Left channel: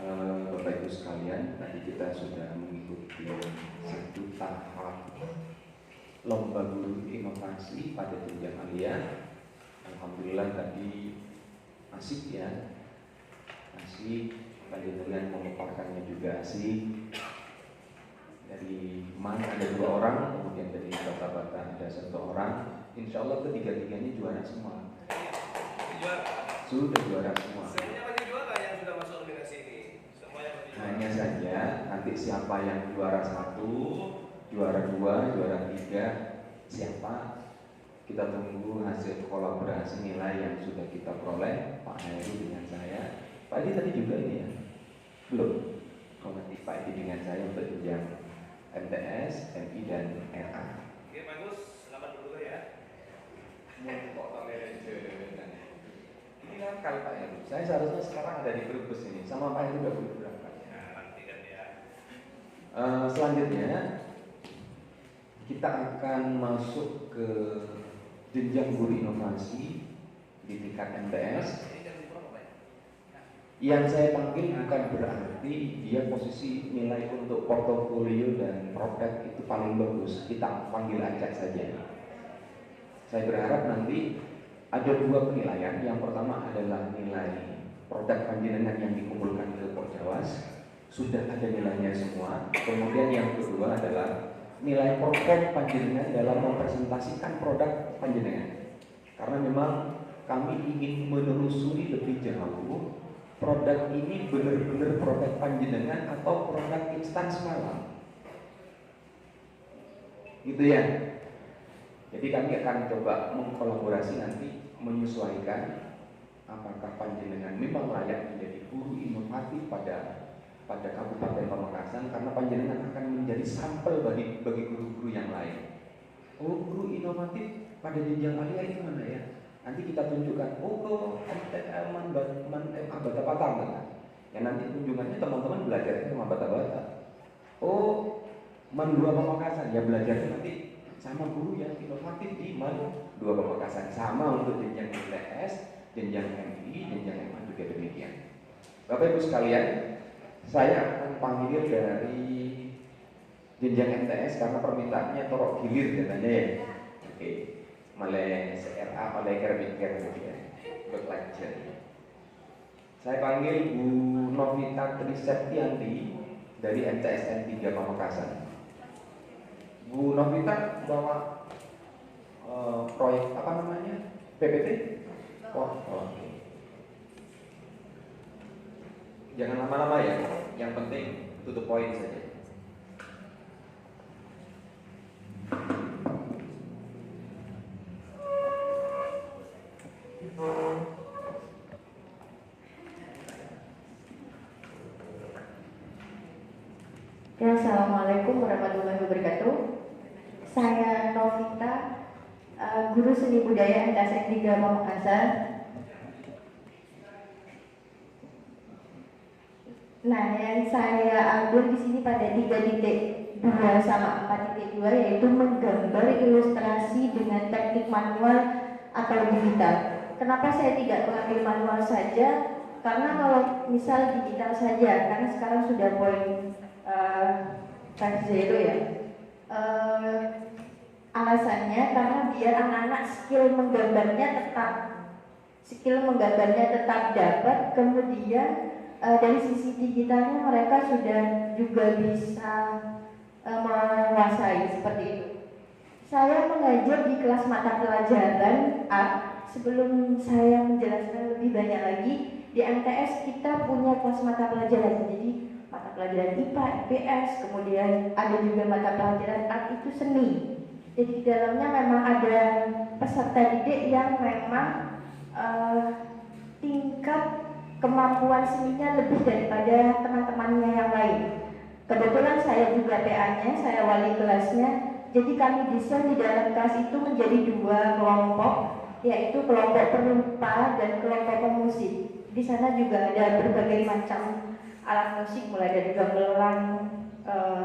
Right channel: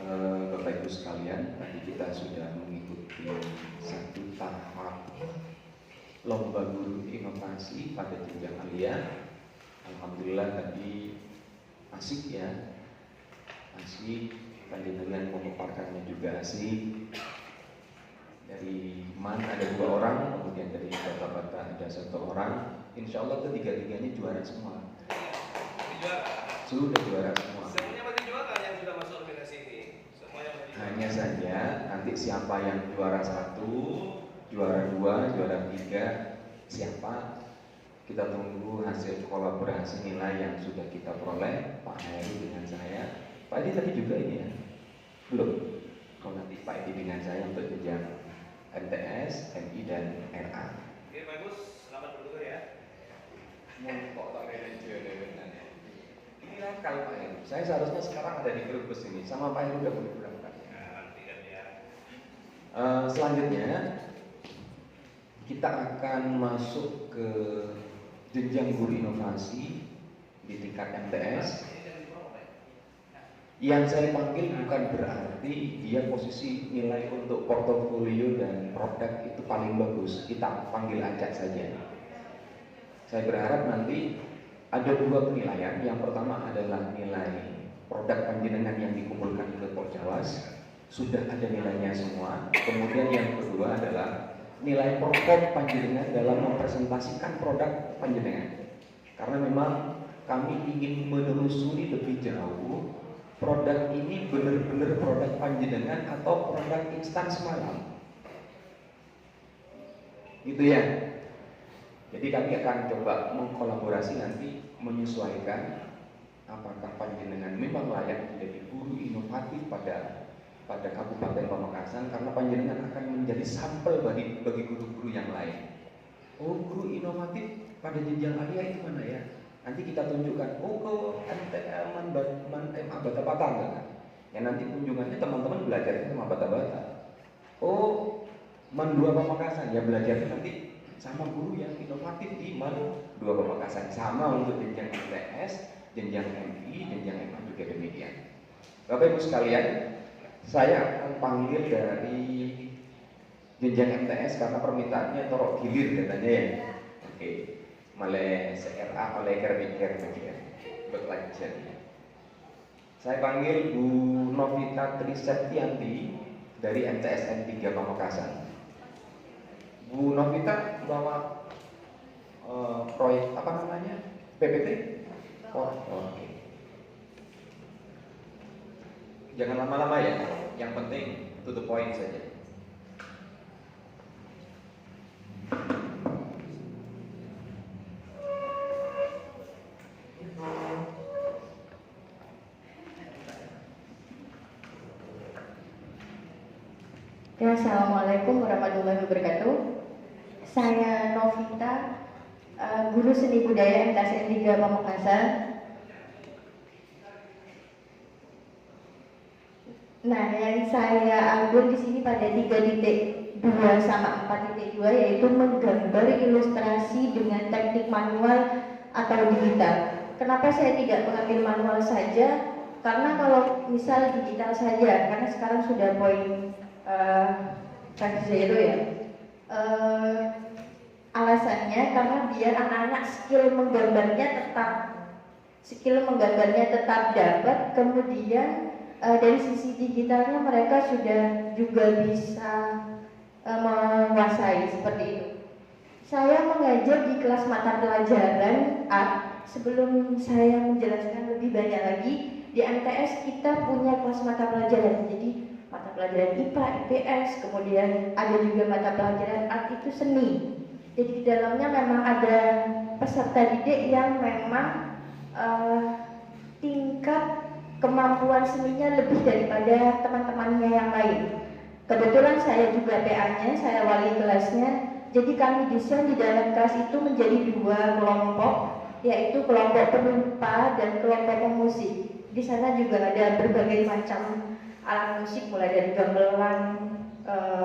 Bapak Ibu sekalian, tadi kita sudah mengikuti satu tahap lomba guru inovasi pada jenjang alia. Alhamdulillah tadi asik ya, asik. Tadi dengan memaparkannya juga asik. Dari Man ada 2 orang, kemudian dari Bapak-bapak ada 1 orang. Insya Allah ketiga-tiganya juara semua. Sudah juara semua. Semuanya masih juara yang sudah masuk nominasi ini. Semuanya masih juara. Hanya saja nanti siapa yang juara 1, juara 2, juara 3, siapa? Kita tunggu hasil kolaborasi nilai yang sudah kita peroleh, Pak Heru dengan saya. Pak Edi tadi juga ini ya? Belum. Kalau nanti Pak Edi dengan saya untuk jenjang MTS, MI dan RA. Oke, bagus. Selamat berguru ya. Ini nakal Pak Heru. Saya seharusnya sekarang ada di Brebes ini, sama Pak Heru udah berapa kali. Nanti kan ya. Selanjutnya kita akan masuk ke jenjang guru inovasi di tingkat MTS. Yang saya panggil bukan berarti dia posisi nilai untuk portofolio dan produk itu paling bagus. Kita panggil acak saja. Saya berharap nanti ada 2 penilaian. Yang pertama adalah nilai produk panjenengan yang dikumpulkan ke Korjawas, sudah ada nilainya semua. Kemudian yang kedua adalah nilai perform panjenengan dalam mempresentasikan produk panjenengan. Karena memang kami ingin menelusuri lebih jauh produk ini benar-benar produk panjenengan atau produk instan semalam. Gitu ya. Jadi kami akan coba mengkolaborasi nanti menyesuaikan apakah panjenengan memang layak menjadi guru inovatif pada Kabupaten Pamekasan, karena panjenengan akan menjadi sampel bagi guru-guru yang lain. Oh, guru inovatif pada jenjang alia itu mana ya? Nanti kita tunjukkan, oh MTL bata-bata kan? Ya nanti kunjungannya teman-teman belajarnya sama bata-bata. Oh, Man 2 Pamekasan, ya belajarnya nanti sama guru yang inovatif di Man 2 Pamekasan. Sama untuk jenjang MTS, jenjang MI, jenjang MA juga demikian. Bapak Ibu sekalian, saya akan panggil dari jenjang MTS karena permintaannya torok gilir katanya ya. Oke. Malai CRA, malai kerja ya. Berlanjut. Saya panggil Bu Novita Triseptianti dari MTSN 3 Pamekasan. Bu Novita bawa proyek apa namanya? PPT? Oh, oke. Jangan lama-lama ya. Yang penting to the point saja. Ya, Assalamualaikum warahmatullahi wabarakatuh. Saya Novita, guru seni budaya MTSN 3 Pamekasan. Nah, yang saya ambil di sini pada 3.2 sama 4.2 yaitu menggambar ilustrasi dengan teknik manual atau digital. Kenapa saya tidak mengambil manual saja? Karena kalau misal digital saja, karena sekarang sudah poin 5.0 ya. Alasannya karena biar anak-anak skill menggambarnya tetap dapat, kemudian dari sisi digitalnya mereka sudah juga bisa menguasai seperti itu. Saya mengajar di kelas mata pelajaran A. Sebelum saya menjelaskan lebih banyak lagi, di MTS kita punya kelas mata pelajaran. Jadi mata pelajaran IPA, IPS, kemudian ada juga mata pelajaran art itu seni. Jadi di dalamnya memang ada peserta didik yang memang tingkat kemampuan seninya lebih daripada teman-temannya yang lain. Kebetulan saya juga PA-nya, saya wali kelasnya. Jadi kami desain di dalam kelas itu menjadi 2 kelompok, yaitu kelompok penumpang dan kelompok pemusik. Di sana juga ada berbagai macam alat musik, mulai dari gamelan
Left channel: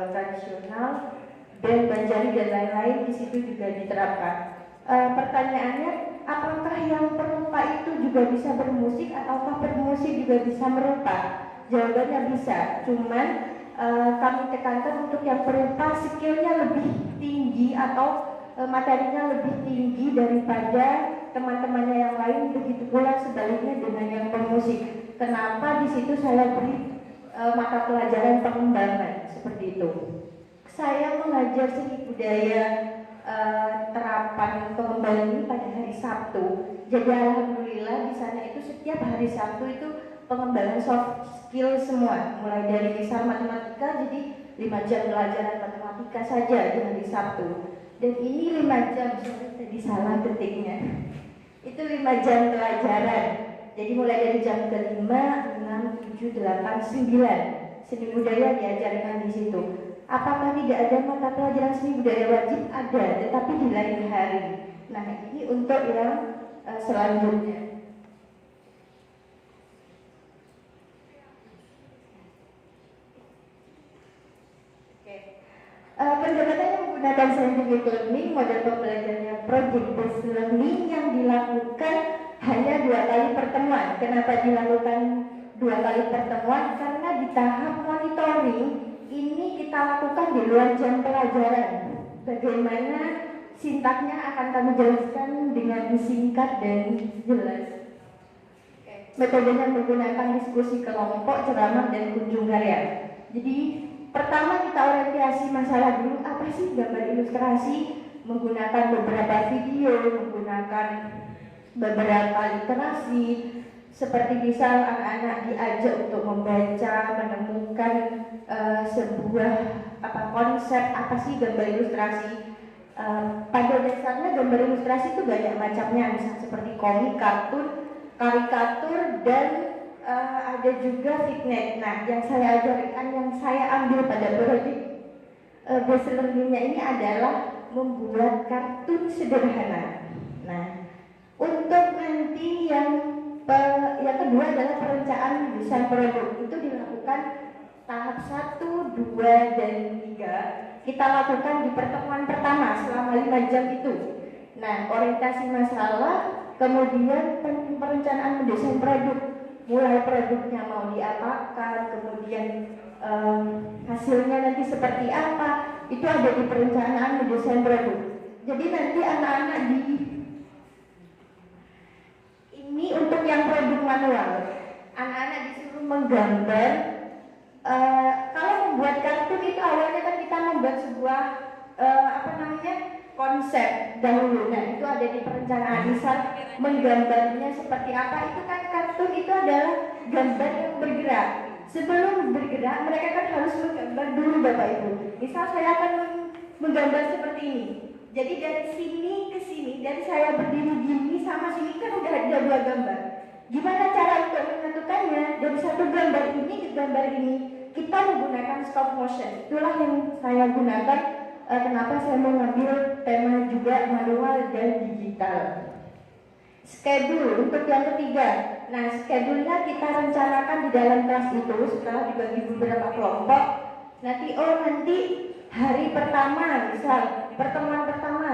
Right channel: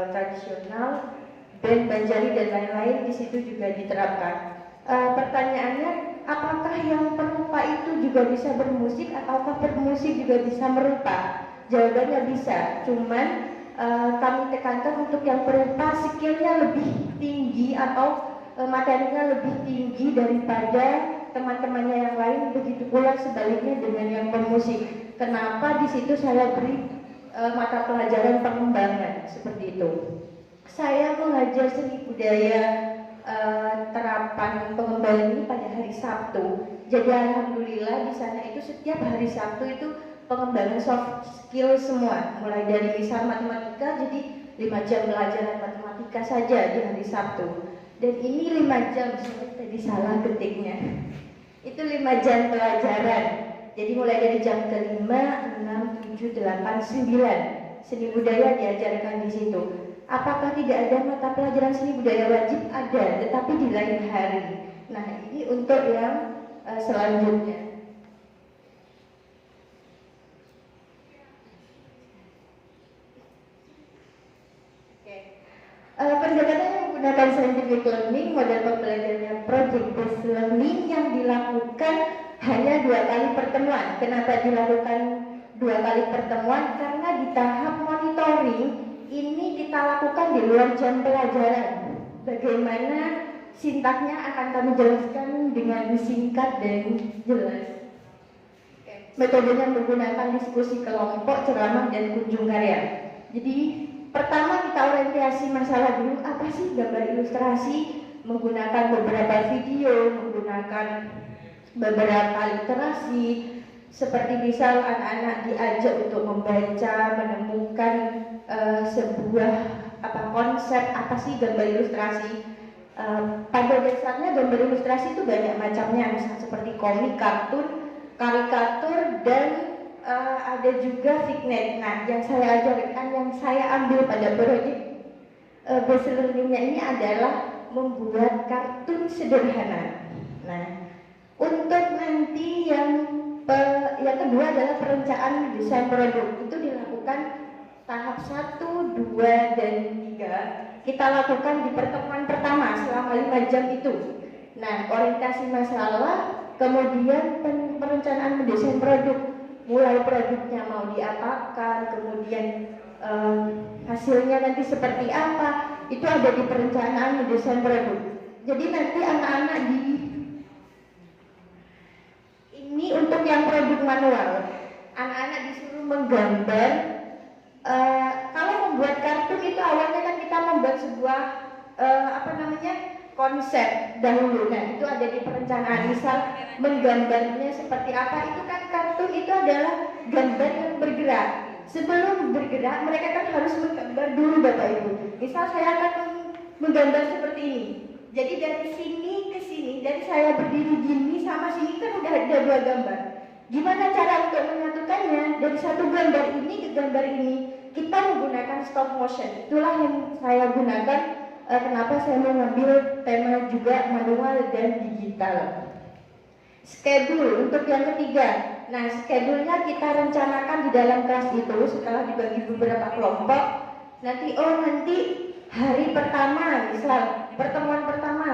tradisional, band, banjari dan lain-lain. Di situ juga diterapkan. Pertanyaannya, apakah yang perupa itu juga bisa bermusik ataukah bermusik juga bisa merupa? Jawabannya bisa, cuman kami tekankan untuk yang perupa skillnya lebih tinggi atau materinya lebih tinggi daripada teman-temannya yang lain, begitu pula sebaliknya dengan yang bermusik. Kenapa di situ saya beri mata pelajaran pengembangan seperti itu. Saya mengajar seni budaya terapan pengembangan ini pada hari Sabtu. Jadi alhamdulillah di sana itu setiap hari Sabtu itu pengembangan soft skill semua, mulai dari misal matematika, jadi 5 jam pelajaran matematika saja di hari Sabtu. Dan ini 5 jam, saya tadi salah ketiknya. Itu 5 jam pelajaran. Jadi mulai dari jam ke-5, 6, 7, 8, 9 seni budaya diajarkan di situ. Apakah tidak ada mata pelajaran seni budaya wajib? Ada, tetapi di lain hari. Nah, ini untuk yang selanjutnya. Pendekatan menggunakan scientific learning, model pembelajaran project based learning yang dilakukan hanya 2 kali pertemuan. Kenapa dilakukan 2 kali pertemuan? Karena di tahap monitoring ini kita lakukan di luar jam pelajaran. Bagaimana sintaknya akan kami jelaskan dengan singkat dan jelas. Metodenya menggunakan diskusi kelompok, ceramah, dan kunjung karya. Jadi pertama kita orientasi masalah dulu, apa sih gambar ilustrasi, menggunakan beberapa video, menggunakan beberapa literasi, seperti misal anak-anak diajak untuk membaca, menemukan sebuah konsep apa sih gambar ilustrasi. Pada dasarnya gambar ilustrasi itu banyak macamnya, misalnya seperti komik, kartun, karikatur, dan ada juga fignet. Nah, yang saya ajarkan, yang saya ambil pada project based learning-nya ini adalah membuat kartun sederhana. Nah, untuk nanti yang kedua adalah perencanaan desain produk. Itu dilakukan tahap 1, 2, dan 3. Kita lakukan di pertemuan pertama selama 5 jam itu. Nah, orientasi masalah, kemudian perencanaan mendesain produk, mulai produknya mau diapakan, kemudian hasilnya nanti seperti apa, itu ada di perencanaan mendesain produk. Jadi nanti anak-anak ini untuk yang produk manual, anak-anak disuruh menggambar. Kalau membuat kartun itu awalnya kan kita membuat sebuah konsep dahulu. Nah, itu ada di perencanaan. Misal menggambarnya seperti apa, itu kan kartun itu adalah gambar yang bergerak. Sebelum bergerak mereka kan harus menggambar dulu Bapak Ibu. Misal saya akan menggambar seperti ini. Jadi dari sini ke sini, dari saya berdiri gini sama sini kan udah ada 2 gambar. Gimana cara untuk menyatukannya? Dari satu gambar ini ke gambar ini kita menggunakan stop motion. Itulah yang saya gunakan. Kenapa saya mengambil tema juga manual dan digital. Schedule untuk yang ketiga. Nah, schedule-nya kita rencanakan di dalam kelas itu setelah dibagi beberapa kelompok. Nanti hari pertama, misal pertemuan pertama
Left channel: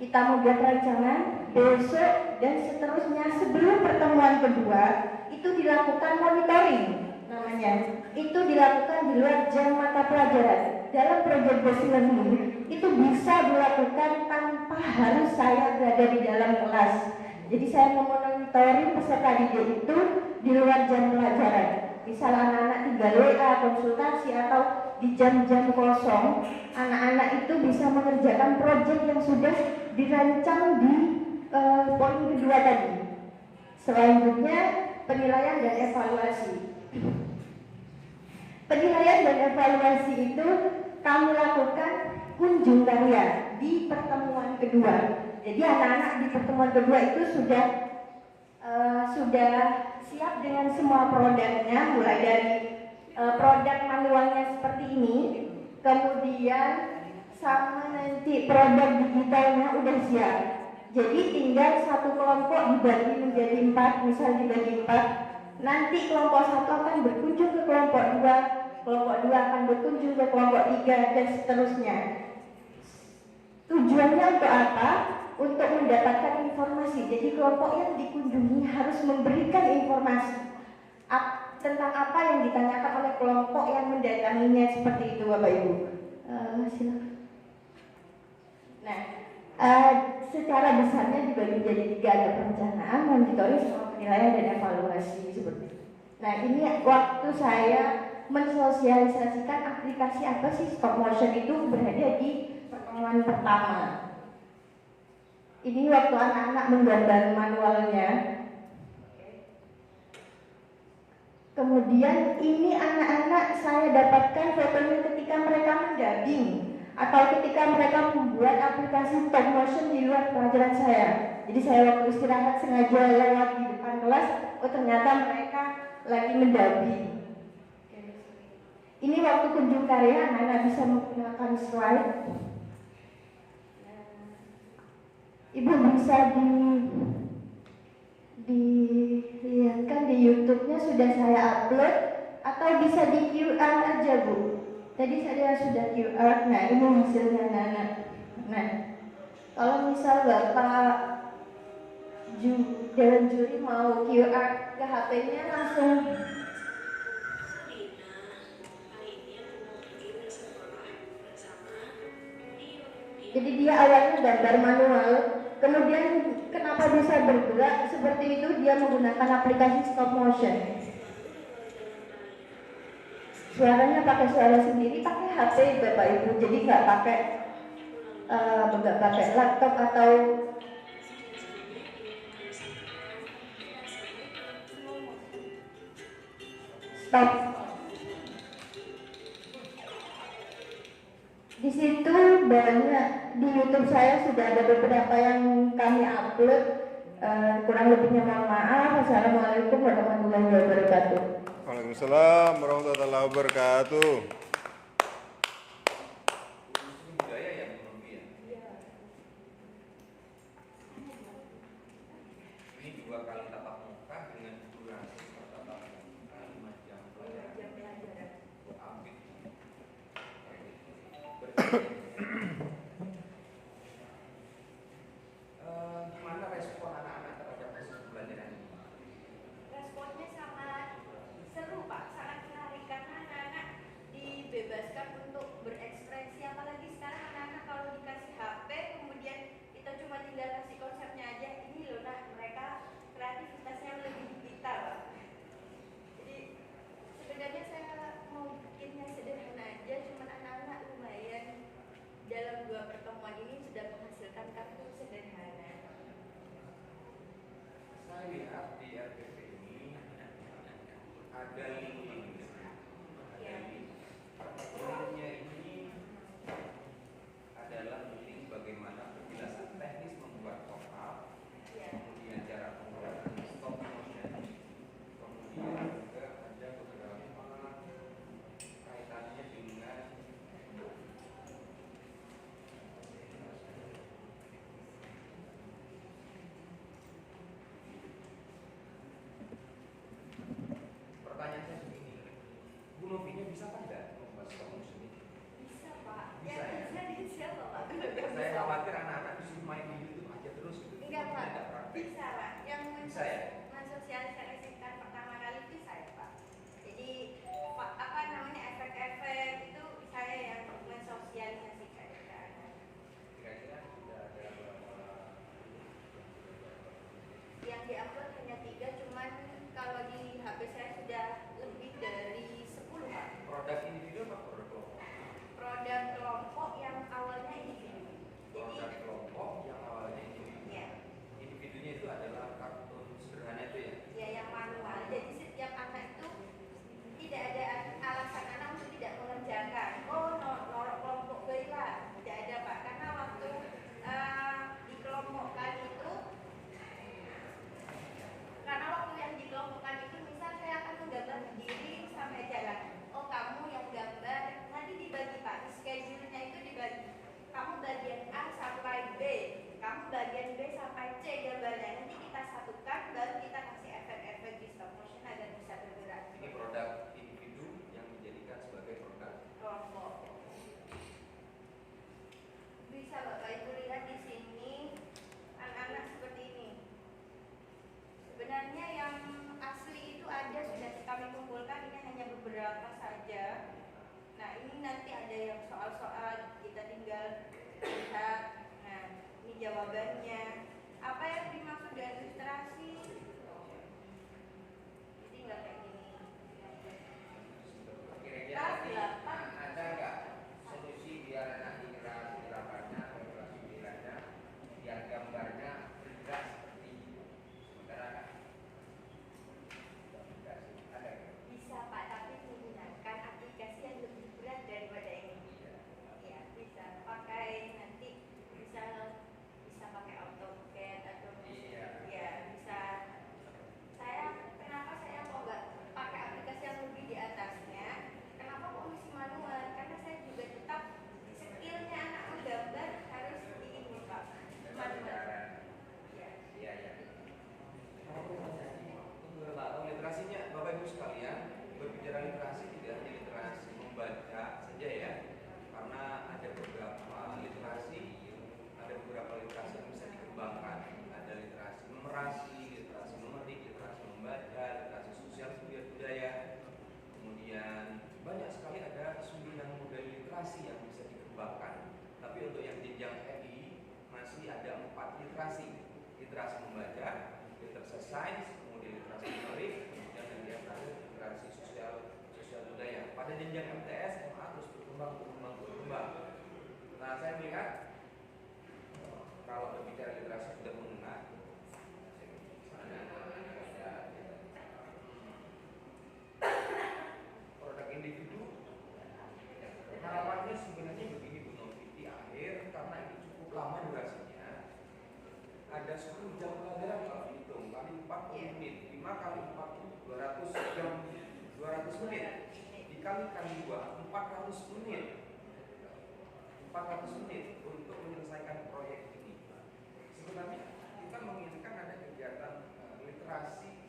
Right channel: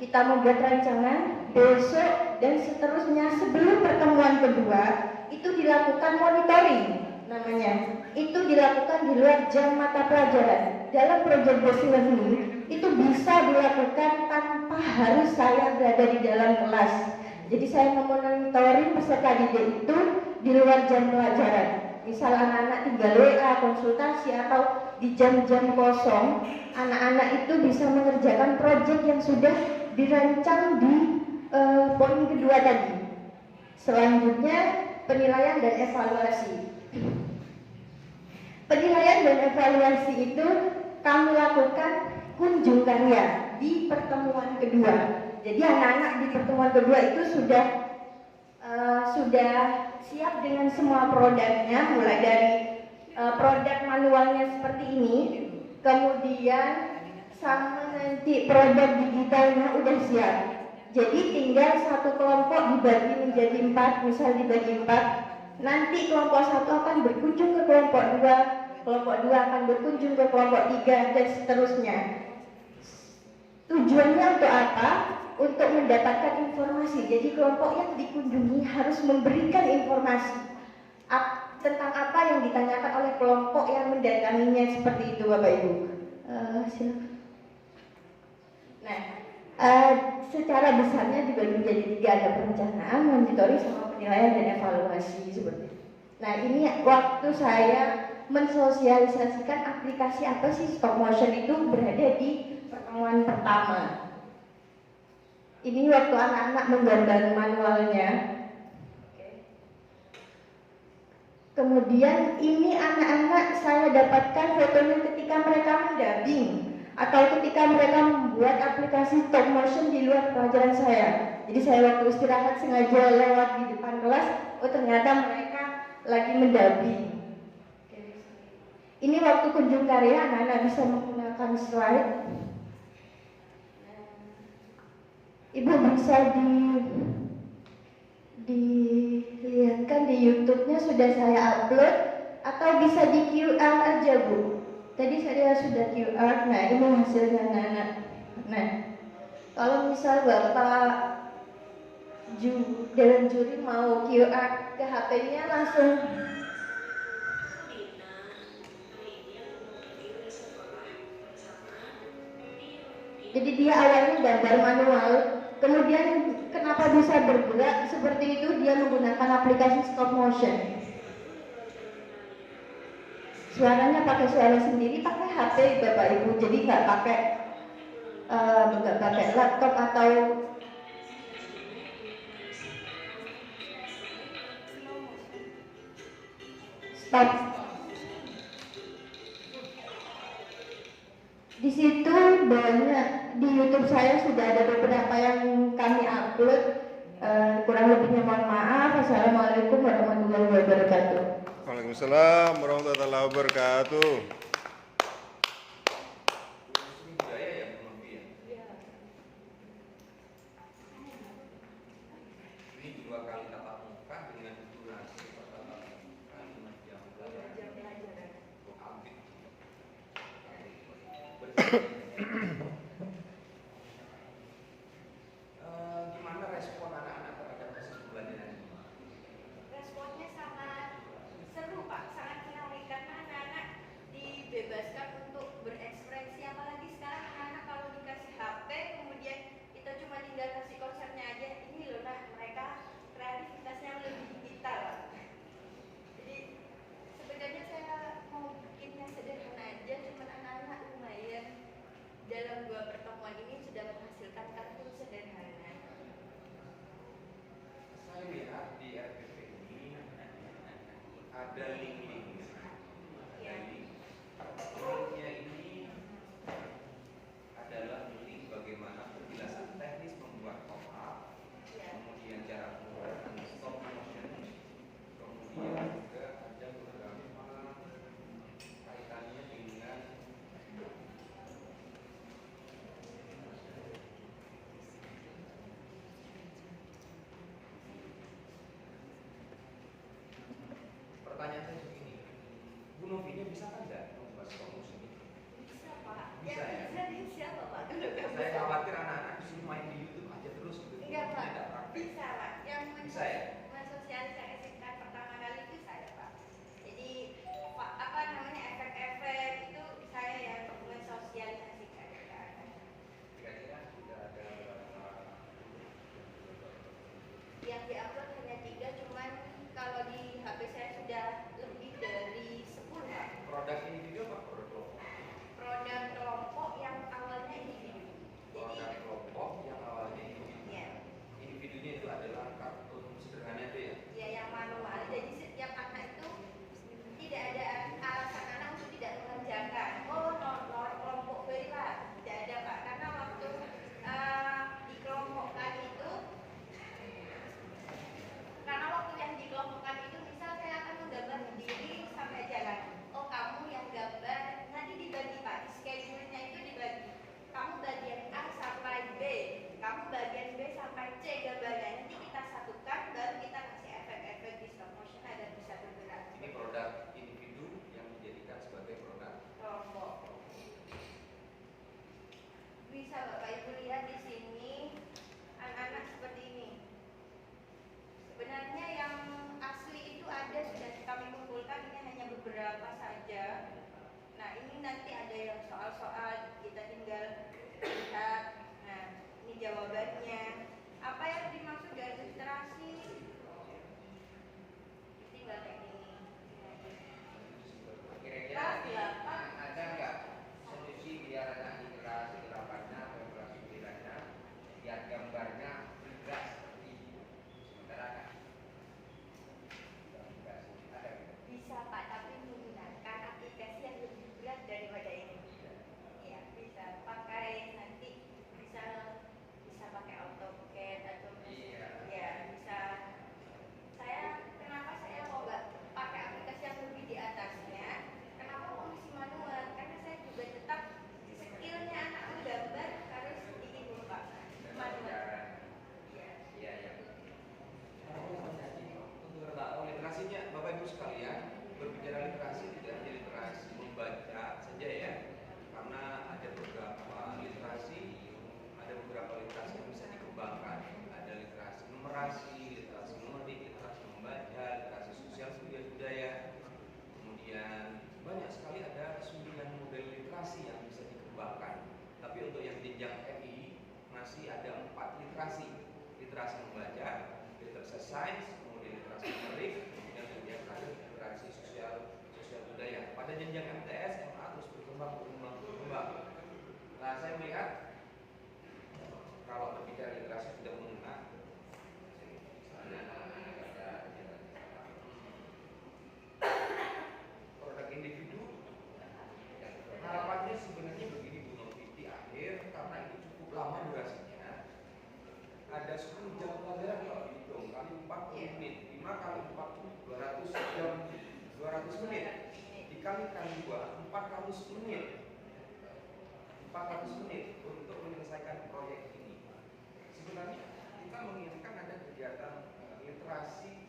kita membuat rancangan, besok dan seterusnya sebelum pertemuan kedua itu dilakukan monitoring namanya. Itu dilakukan di luar jam mata pelajaran. Dalam project based learning itu bisa dilakukan tanpa harus saya berada di dalam kelas. Jadi saya memonitoring peserta didik itu di luar jam pelajaran. Misal anak-anak tinggal WA, konsultasi, atau di jam-jam kosong, anak-anak itu bisa mengerjakan proyek yang sudah dirancang di poin kedua tadi. Selanjutnya penilaian dan evaluasi. Penilaian dan evaluasi itu kami lakukan kunjung karya di pertemuan kedua. Jadi anak-anak di pertemuan kedua itu sudah siap dengan semua produknya, mulai dari produk manualnya seperti ini, kemudian sama nanti produk digitalnya udah siap. Jadi tinggal satu kelompok dibagi menjadi 4, misal dibagi 4. Nanti kelompok 1 akan berkunjung ke kelompok 2, kelompok 2 akan berkunjung ke kelompok 3, dan seterusnya. Tujuannya untuk apa? Untuk mendapatkan informasi. Jadi kelompok yang dikunjungi harus memberikan informasi tentang apa yang ditanyakan oleh kelompok yang mendatanginya, seperti itu Bapak Ibu. Silakan. Nah, secara besarnya dibagi menjadi 3, ada perencanaan, monitoring, sama penilaian dan evaluasi seperti itu. Nah, ini waktu saya mensosialisasikan aplikasi apa sih stop motion itu berada di pertemuan pertama. Ini waktu anak-anak menggambar manualnya. Kemudian ini anak-anak saya dapatkan fotonya ketika mereka mendubbing atau ketika mereka membuat aplikasi stop motion di luar pelajaran saya. Jadi saya waktu istirahat sengaja lewat di depan kelas, oh ternyata mereka lagi mendubbing. Ini waktu kunjung karya, anak-anak bisa menggunakan slide. Ibu bisa dilihatkan di YouTube-nya sudah saya upload, atau bisa di QR aja Bu. Tadi saya sudah QR. Nah, ini hasilnya anak-anak. Nah, kalau misal Bapak dalam juri mau QR ke HP-nya langsung. Jadi dia awalnya gambar manual, kemudian kenapa bisa bergerak seperti itu, dia menggunakan aplikasi stop motion. Suaranya pakai suara sendiri, pakai HP Bapak Ibu, jadi nggak pakai laptop atau stop. Di situ banyak, di YouTube saya sudah ada beberapa yang kami upload. Kurang lebihnya mohon maaf. Assalamualaikum warahmatullahi wabarakatuh. Waalaikumsalam warahmatullahi wabarakatuh. Gimana respon anak-anak terhadap hasil pembelajaran ini? Responnya sangat seru Pak, sangat menarik karena anak-anak dibebaskan untuk berekspresi. Apalagi sekarang anak-anak kalau dikasih HP, kemudian kita cuma tinggal kasih konsepnya aja, ini loh nak, mereka kreativitasnya lebih digital. Jadi sebenarnya saya mau bikinnya sederhana aja, cuman anak-anak lumayan dalam 2 pertemuan ini sudah menghasilkan kartu sederhana. Saya lihat di RPP ini ada link. Linknya ini adalah link bagaimana penjelasan teknis membuat pop-up, kemudian cara pembuatan stop motion, kemudian juga ada beberapa kaitannya dengan pertanyaan saya begini, Bu Novinya bisa kan nggak membuat stop motion ini? Bisa Pak. Bisa ya? Bisa siapa Pak? Saya khawatir anak-anak disuruh main di YouTube aja terus gitu. Enggak Pak. Tidak praktek. Bisa Pak. Yang Bisa ya? mensosialisasikan pertama kali itu saya Pak. Jadi apa namanya, efek-efek itu saya yang mensosialisasikan ke anak. Kira-kira sudah ada Yang diupload hanya 3, cuman kalau di HP saya sudah lebih dari 10 Pak. produk individu apa produk kelompok? Produk kelompok yang awalnya individu. Produk kelompok yang awalnya individu. Ya, Individunya itu adalah kartun sederhana itu ya? ya yang manual. Jadi setiap anak itu tidak ada alasan anak untuk tidak mengerjakan. Oh, norok kelompok berilah. Tidak ada Pak. Karena waktu dikelompokkan itu, karena waktu yang dikelompokkan itu, misal saya akan menggambar diri sampai jalan. Oh, kamu yang gambar, nanti dibagi Pak. Di schedule-nya itu dibagi. Kamu bagian A sampai B, kamu bagian B sampai C gambarnya. Nanti kita satukan, baru kita kasih efek-efek di stop motion agar bisa bergerak. Ini produk individu yang dijadikan sebagai produk kelompok. Bisa Bapak Ibu ini nanti ada yang soal-soal kita tinggal lihat. Nah, ini jawabannya. Apa yang dimaksud dari literasi? Tinggal kayak gini. Kira-kira ada nggak solusi biar anak di kelas 8-nya atau kelas 9-nya yang gambarnya tidak seperti itu? Sementara kan ada nggak? Bisa Pak, tapi menggunakan aplikasi yang lebih berat daripada ini. Ya, bisa pakai nanti bisa pakai AutoCAD atau ya bisa. Kenapa saya mau nggak pakai aplikasi yang lebih di atasnya? Kenapa kok masih manual? Karena saya juga tetap skillnya anak menggambar harus di ini Pak, manual. Iya. Untuk tahu literasinya, Bapak Ibu sekalian, berbicara literasi tidak hanya literasi membaca saja ya, karena ada beberapa literasi yang bisa dikembangkan. Ada literasi numerasi, literasi numerik, literasi membaca, literasi sosial budaya. Kemudian banyak sekali ada 9 model literasi yang bisa dikembangkan. Tapi untuk yang jenjang MI masih ada 4 literasi. Literasi membaca, literasi sains, kemudian literasi numerik, kemudian yang terakhir literasi sosial budaya. Pada jenjang MTS, MA terus berkembang. Nah, saya melihat kalau berbicara literasi sudah mengena produk individu, harapannya sebenarnya begini Bu Novi, di akhir karena itu cukup lama durasinya, ada 10 jam pelajaran kalau dihitung kali 40 menit, 5 kali 40 200 jam, 200 menit dikalikan 2 400 menit untuk menyelesaikan proyek ini. Sebenarnya kita menginginkan ada kegiatan literasi